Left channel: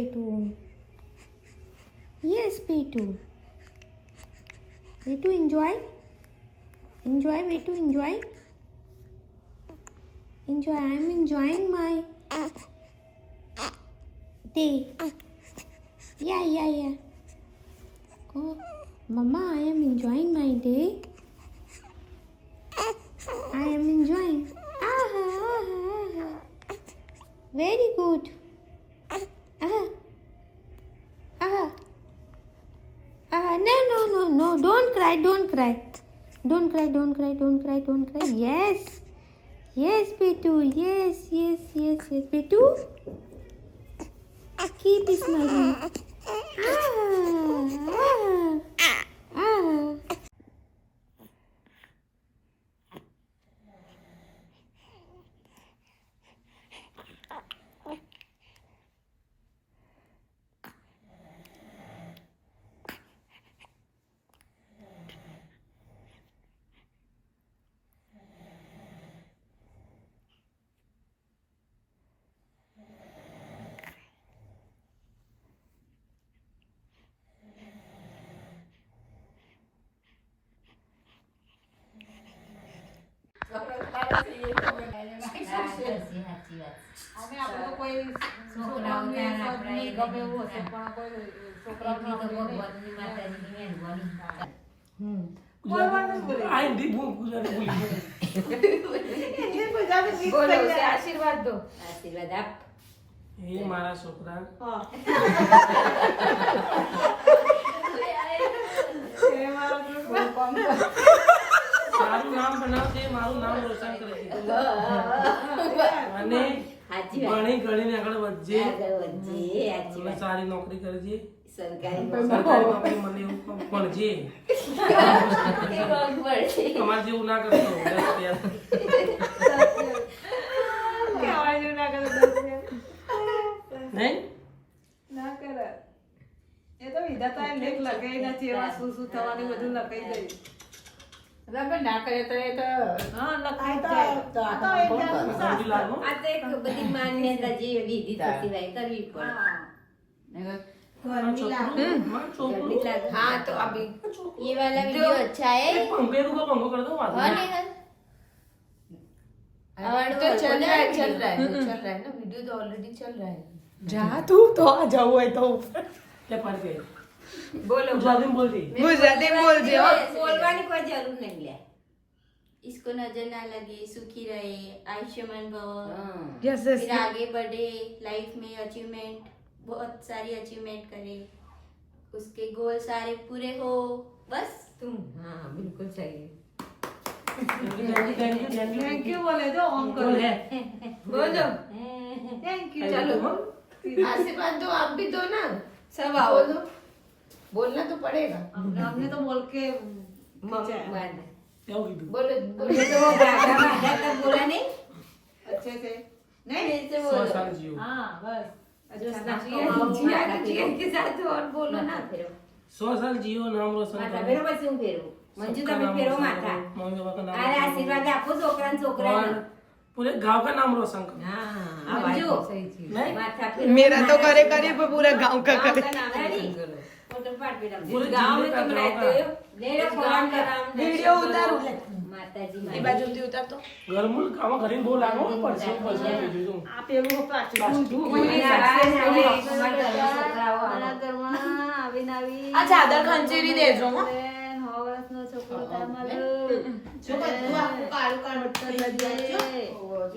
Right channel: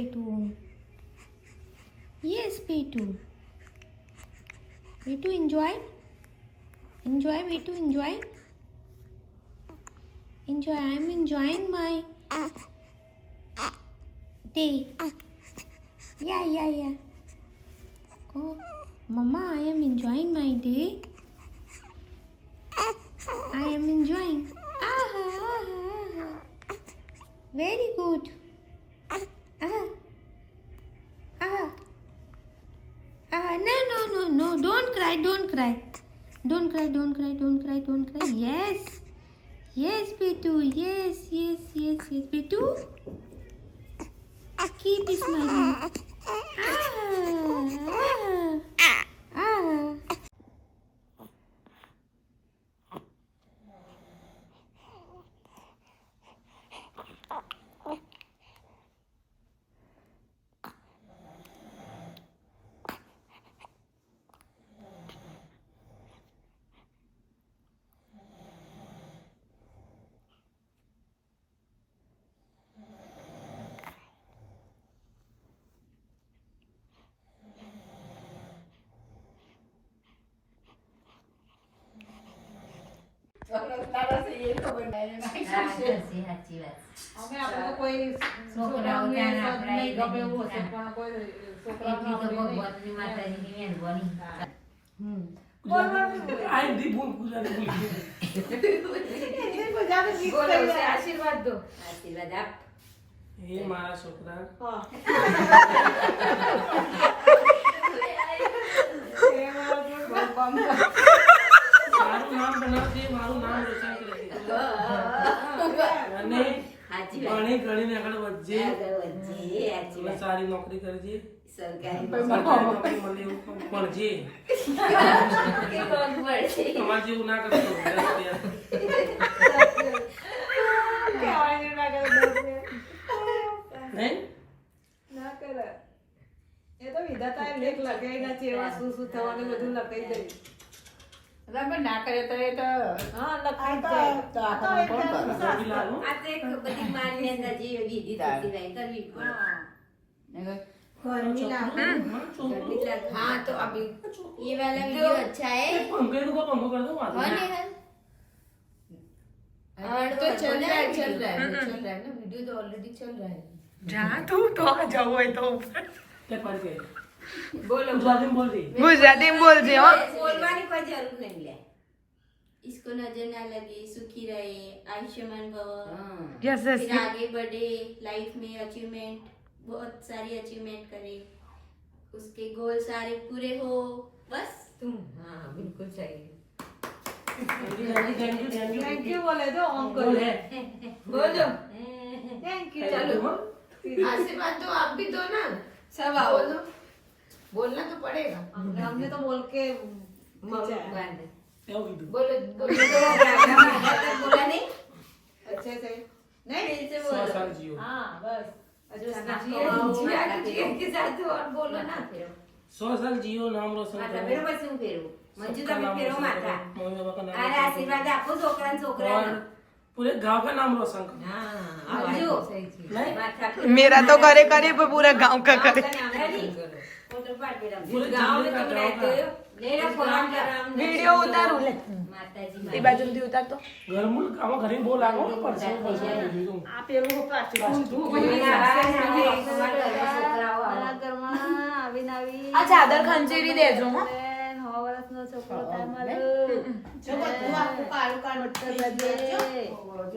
Petu. Yes, Petu. Petu, enjoy. Enjoy, Petu, enjoy. Enjoy. I am enjoying my day. Yeah. Oh, Mama, I am enjoying my day. I am enjoying. Very good. No. Don't cry. Don't cry. Yes, Petu. Yes. Petu, keep smiling. આશીર્વાદ દો. આશીર્વાદ આપ. એ મારા છોકરા સારું નામ બનાવજે, મારું નામ રોશન કરજે અને ભણી ગણીને આગળ વધજે, સારી નોકરી કરજે, સરકારી નોકરી મળે એવું ભણજે, તમારે જેવું ના કરતો ના કરે. એ તો વિધાતા લેખ લગાઈ નથી, એવા શું થવાની બધું લખાઈ ગયું. ના કરે તો એ તો હા લખાઈ જાય. આ તો એક બધી માન્યતા જે વિધિ થતી હોય કરવી પડે. हाँ तो अभी ये वाला वीडियो अच्छा है। पंखे को पंखो कर दो हाँ नहीं तो चल रहा है ना, वीडियो तो ऑलरेडी चल रहा है. जा तू तो आ जाओ है तो ऊपर. क्या कर गए बोलो गुजराती में बोल दी. गुजराती में बोल दे. बोलवाने कोई जरूर नहीं है. इसको नजर ना लगे, सुखी रहे, आयुष्मान भव, यस फिर आगे बढ़े लाइफ में, अचीवमेंट बहुत सारी अचीवमेंट करे, उसके गोल सारे पूरे हो, बस. तुम हाँ बिल्कुल सही. थैंक यू बोले तो ऑन करो. बोलो थैंक यू. चलो आशीर्वाद दो, आप भी दो ना, सब आओ. बोलना तो पड़ेगा. हमने तो बोल के बोलो बोलो बोला नहीं अच्छे से नहीं फिर से बोलो. हाँ बस के साथ और बोलो ना. फिर 100 साल जियो, नाम रोशन माथा करो. फेरो પછી હું ફેરવું. મંજુ તમે ફેરો માથા. मम्मी पापा का नाम अरे रोशन आशीर्वाद आपको छोकरा करो. छोकरा और पूरे गांव का नाम रोशन करो. मंजू नहीं माथा फेरो. मेरा तो करे पर पूरा गांव का करे. फोटो पाड़ पे रख. पूरे गांव जिले में का तुम गाँव रहते हो. मेरा फोन का नाम वीडियो उतारू ले. माताजी ये बाजू दी उतार तो. घर मुल काम घरे बोल लागो परसों दीदी तुम. आप एगो प्लास्टिक મારા ઘરમાં આવીને આવી આ ચાદર ખંચેરી દેજો હો. 9 વર્ષનો છોકરો તમારો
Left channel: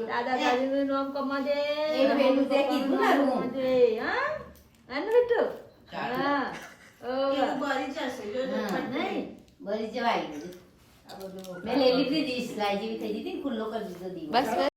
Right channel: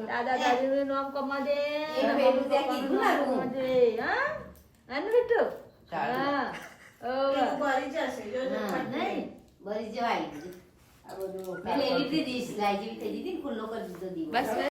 દાદા દાદીનું નામ કમાજે, મમ્મી પપ્પાનું નામ કમાજે. હા આનું બેટું હા ભરી જશે જો નહીં ભરી જવાય. મેં લઈ લીધી ડીશ રાજી થઈ દીધી, ખુલ્લો કરી દીધો દીવો. બસ